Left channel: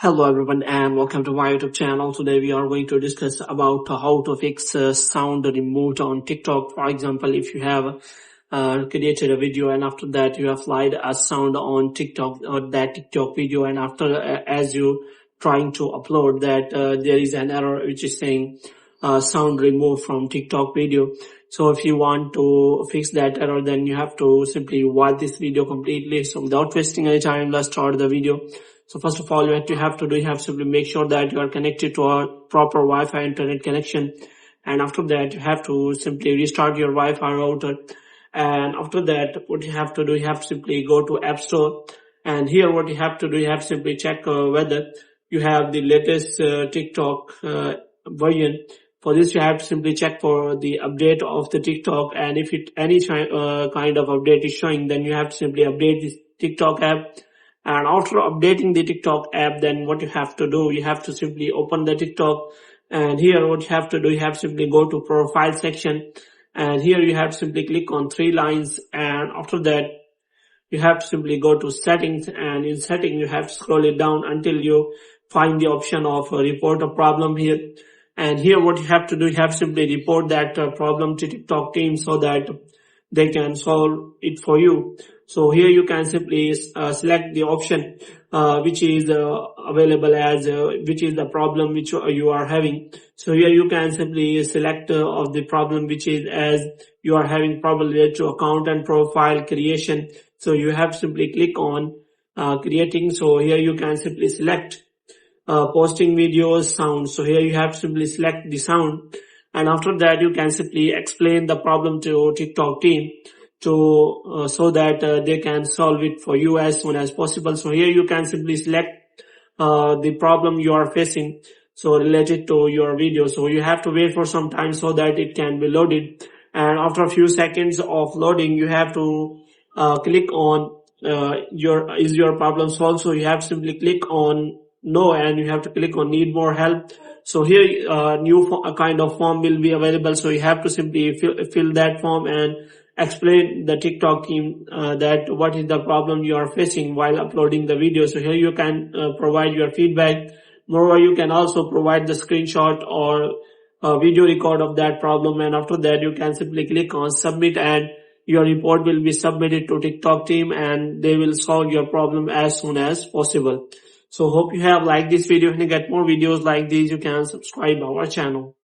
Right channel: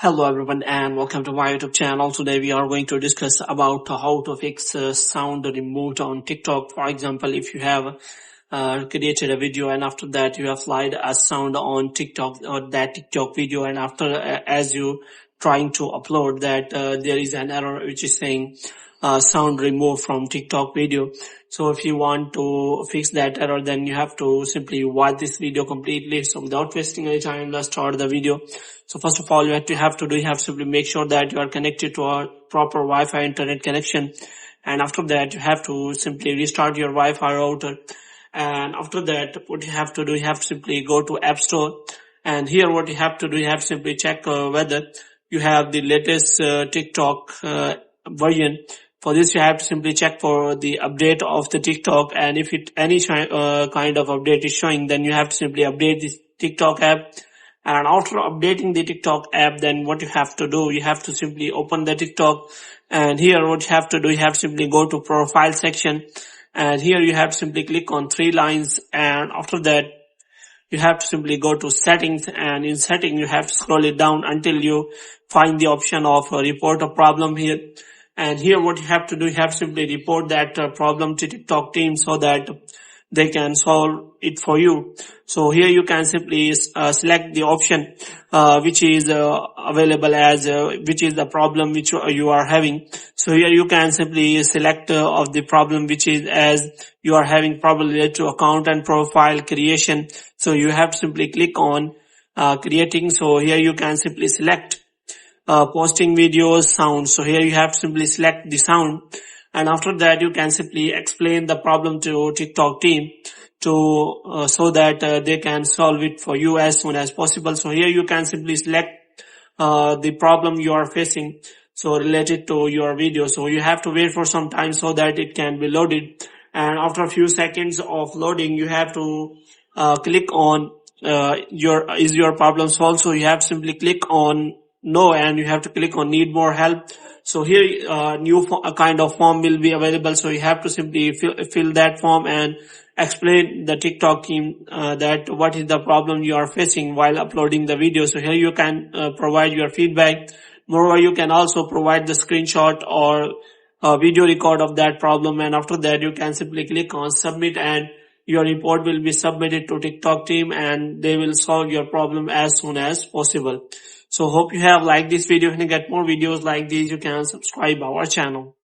Hello everyone and welcome to my YouTube channel. Today we are going to discuss about how to fix sound removed on TikTok. For example, if you have created a video and after that you applied a sound on TikTok or that TikTok video, and after as you trying to upload that there is an error which is saying sound removed from TikTok video. So if you want to fix that error, then you have to simply watch this video completely. So without wasting any time, let's start the video. So first of all, you have to simply make sure that you are connected to a proper Wi-Fi internet connection. And after that, you have to simply restart your Wi-Fi router. And after that, what you have to do, you have to simply go to App Store. And here what you have to do, you have to simply check whether you have the latest TikTok version. For this, you have to simply check for the update of the TikTok, and if any kind of update is showing, then you have to simply update this TikTok app. And after updating the TikTok app, then what you have to do, you have to simply open the TikTok, and here what you have to do, you have to simply go to profile section, and here you have to simply click on three lines, and after that you have to simply go to settings, and in setting you have to scroll it down until you find the option of report a problem here. And here what you have to do, you have to simply report that problem to TikTok team so that they can solve it for you. So here you can simply select the option which is available as which is the problem which you are having. So here you can simply select of the problem which is as you are having problem related to account and profile creation. So you have to simply click on creating. So here you can simply select posting videos, sound. So here you have to simply select the sound, and after that you can simply explain the problem to TikTok team to so that they can solve it for you as soon as possible. So here you can simply select the problem you are facing, so related to your video. So you have to wait for some time so that it can be loaded, and after a few seconds of loading you have to click on your problem solved. So you have to simply click on no, and you have to click on need more help. So here a kind of form will be available, so you have to simply fill that form and explain the TikTok team that what is the problem you are facing while uploading the video. So here you can provide your feedback. Moreover, you can also provide the screenshot or video record of that problem, and after that you can simply click on submit, and your report will be submitted to TikTok team and they will solve your problem as soon as possible. So hope you have liked this video. If you get more videos like these, you can subscribe our channel.